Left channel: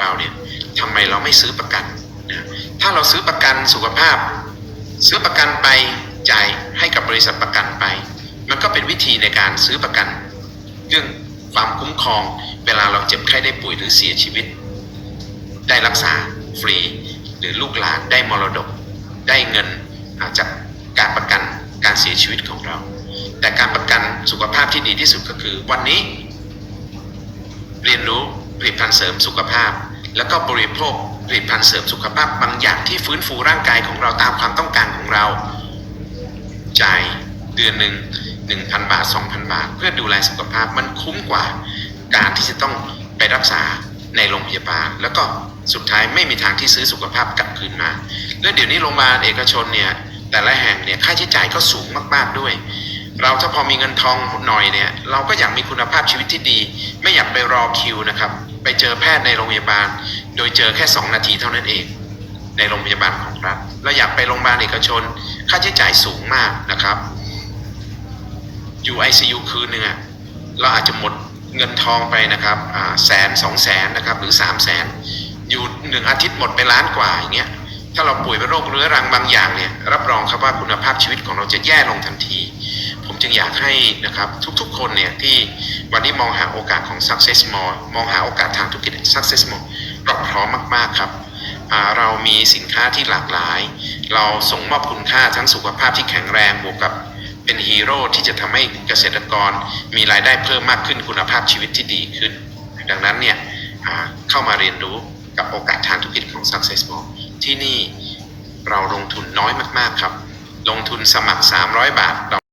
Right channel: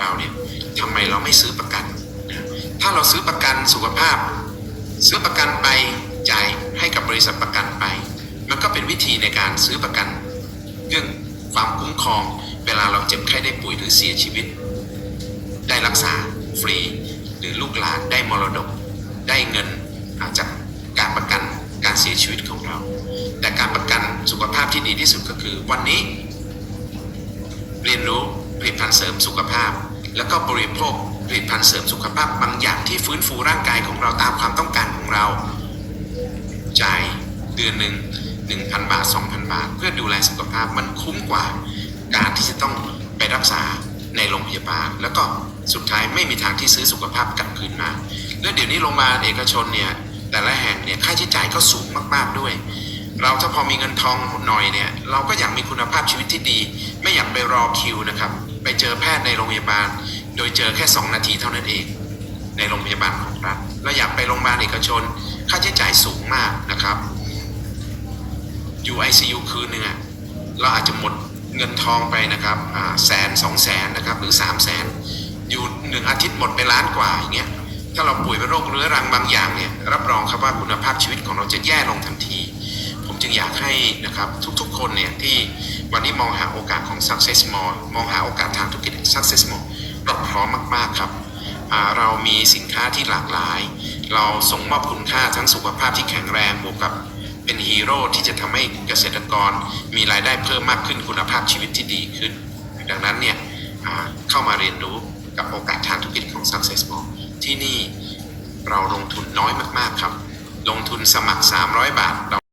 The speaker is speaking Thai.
เราเนี่ยทำไมเราไม่ซื้อประกันนะถ้าเราซื้อประกันสุขภาพ ซื้อประกันไปจ่ายให้กับบริษัทประกันไป มันก็เป็นวิธีในการซื้อประกัน เรื่องความคุ้มครองเวลาเราเจ็บไข้ได้ป่วยหรือเสียชีวิต ได้รักษาฟรี หรือลูกหลานได้มรดก ได้เงินอาจากการประกันการเสียชีวิตของเรา แต่การประกันสุขภาพที่ดีที่สุดก็คือวันนี้ เรียนรู้ ลิตภัณฑ์เสริมสุขภาพ แล้วก็บริโภคผลิตภัณฑ์เสริมสุขภาพบางอย่างที่ฟื้นฟูร่างกายของเราตามความต้องการของเรา จ่ายเดือนหนึ่ง1,000 บาท 2,000 บาท เพื่อดูแลสุขภาพมันคุ้มกว่า การที่จะต้องไปรักษาในโรงพยาบาล แล้วก็สุดท้ายไม่มีทางที่ซื้อสุขภาพกลับคืนมา และเดี๋ยวนี้โรงพยาบาลเอกชนเนี่ยแต่ละแห่งเนี่ยค่าใช้จ่ายก็สูงมาก ๆด้วย เราถ้าพอมีเงินทองหน่อยเนี่ย เราก็อยากมีคุณภาพชีวิตที่ดี ไม่อยากไปรอคิวนะครับ ไปเจอแพทย์ในโรงพยาบาล โดยเจอแค่ 2 นาทีเท่านั้นเอง ในโรงพยาบาลของรัฐเราอยากไปโรงพยาบาลเอกชน ค่าใช้จ่ายสูงมากนะครับอยู่ ICU คืนหนึ่งเราอาจจะหมดเงินทองไปนะครับแสนสองแสนนะครับหรือสามแสนอยู่หนึ่งอาทิตย์หมดไปล้านกว่าอย่างเงี้ยถ้าเราป่วยเป็นโรคเรื้อรังบางอย่างเนี่ยรับรองครับว่าคุณภาพชีวิตของเราจะแย่ลงทันที จึงอยากให้นะครับทุกๆคนเนี่ยที่วันนี้มองหาโอกาสของ Success More มองหาโอกาสทางธุรกิจ Success More เราพร้อมมาก ๆ ครับ เรามีสินค้าที่หลากหลาย เราส่งมอบคุณค่าทั้งสุขภาพที่แข็งแรงบวกกับเป็นฮีโร่ที่จะทำให้เกษตรกรมีรายได้เพิ่มมากขึ้นคุณภาพชีวิตที่ดีขึ้น ดังนั้นเนี่ยเข้ามาเรียนรู้กับโอกาสทางธุรกิจของ Success More ที่นี่เราลงทุนน้อยมาก ๆ ครับ ลงทุนสมัคร 300 บาท